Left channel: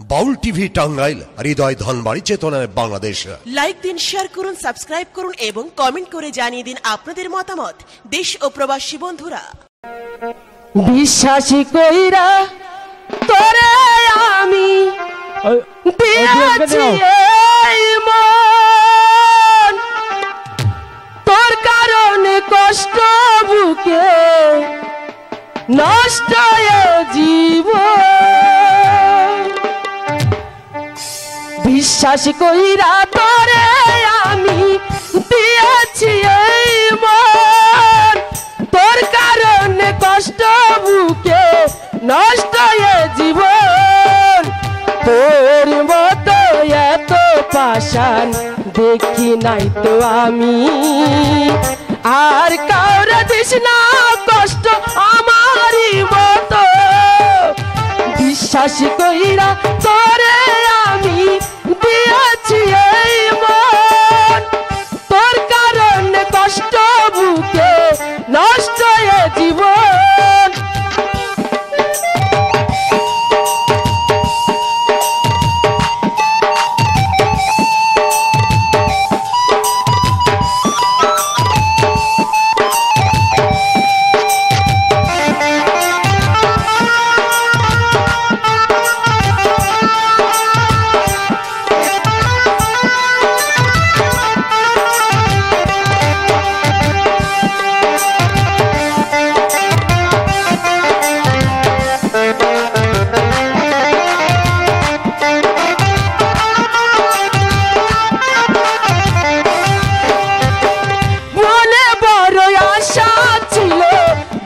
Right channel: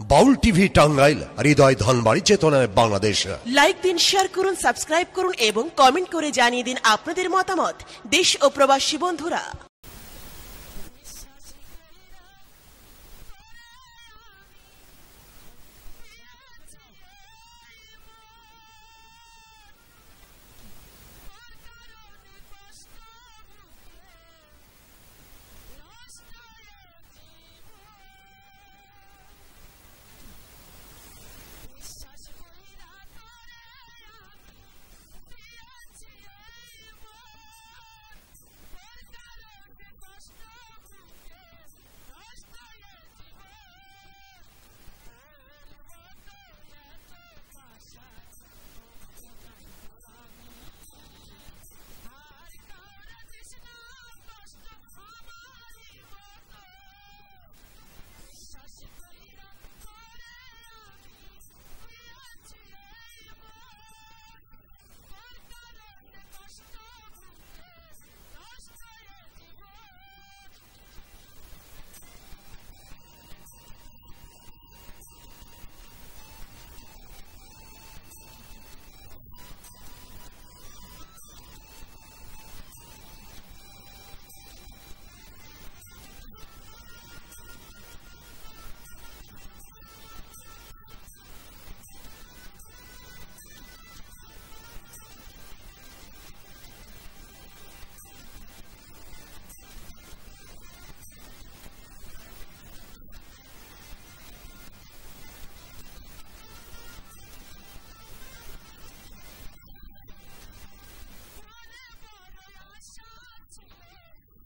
বাউল TV Tangail, হৃদয় ধনবাড়ি, চেতনায় Bangladesh. Like দিন, share করুন, সাবস্ক্রাইব করুন এবং কমেন্ট করে জানিয়ে দিন আপনাদের মতামত। দেশ ও প্রবাসী বন্ধুরা, বিশ্বাসী কইরা তোরে আমি দিয়েছি এই মন, তোর কারণে কষ্ট বুকে নষ্ট জীবন। বিশ্বাসী কইরা তোরে আমি দিয়েছি এই মন, তোর কারণে কষ্ট বুকে নষ্ট জীবন। তোর মতো এত পাষাণ দেখি নাই তো আমি, আর কাউরে দিস না কষ্ট আমারই মতো। বিশ্বাসী কইরা তোরে আমি দিয়েছি এই মন, তোর কারণে কষ্ট বুকে নষ্ট জীবন।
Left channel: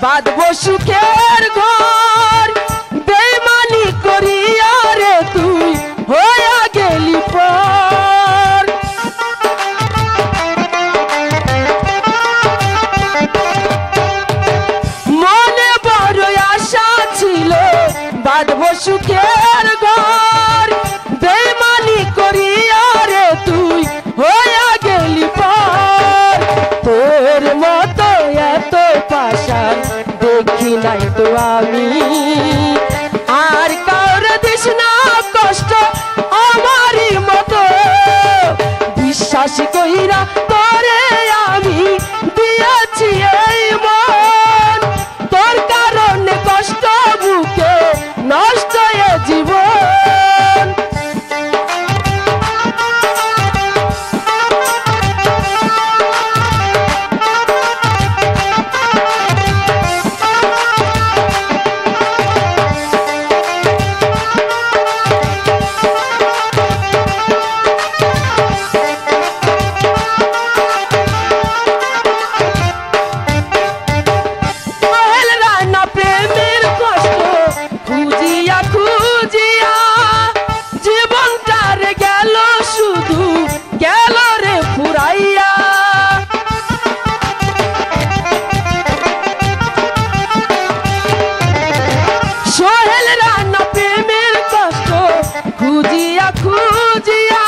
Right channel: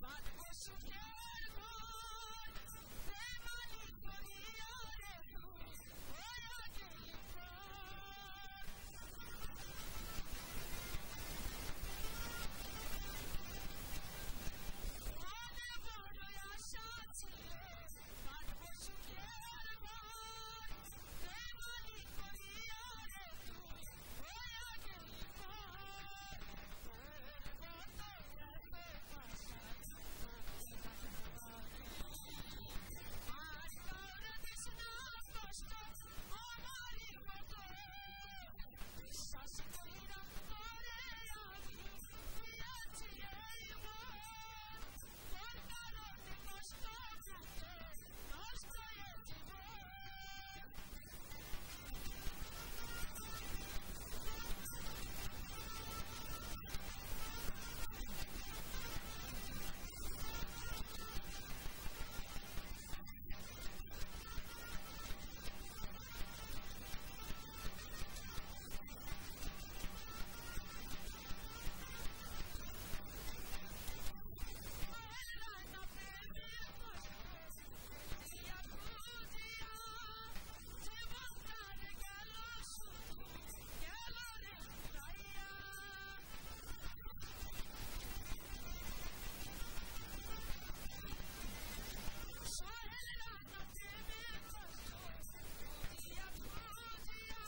বাঁধবো সুখের ঘর, বেইমানি করিয়া রে তুই হইয়া গেলি পর। মনে বড় আশা ছিল বাঁধবো সুখের ঘর, বেইমানি করিয়া রে তুই হইয়া গেলি পর। তোর মতো এত পাষাণ দেখি নাই তো আমি, আর কাউরে দিস না কষ্ট আমারই মতো। বিশ্বাসী কইরা তোরে আমি দিয়েছি এই মন, তোর কারণে কষ্ট বুকে নষ্ট জীবন। সোহেল রানা প্রেমের কষ্ট খুঁজিয়া খুঁজিয়া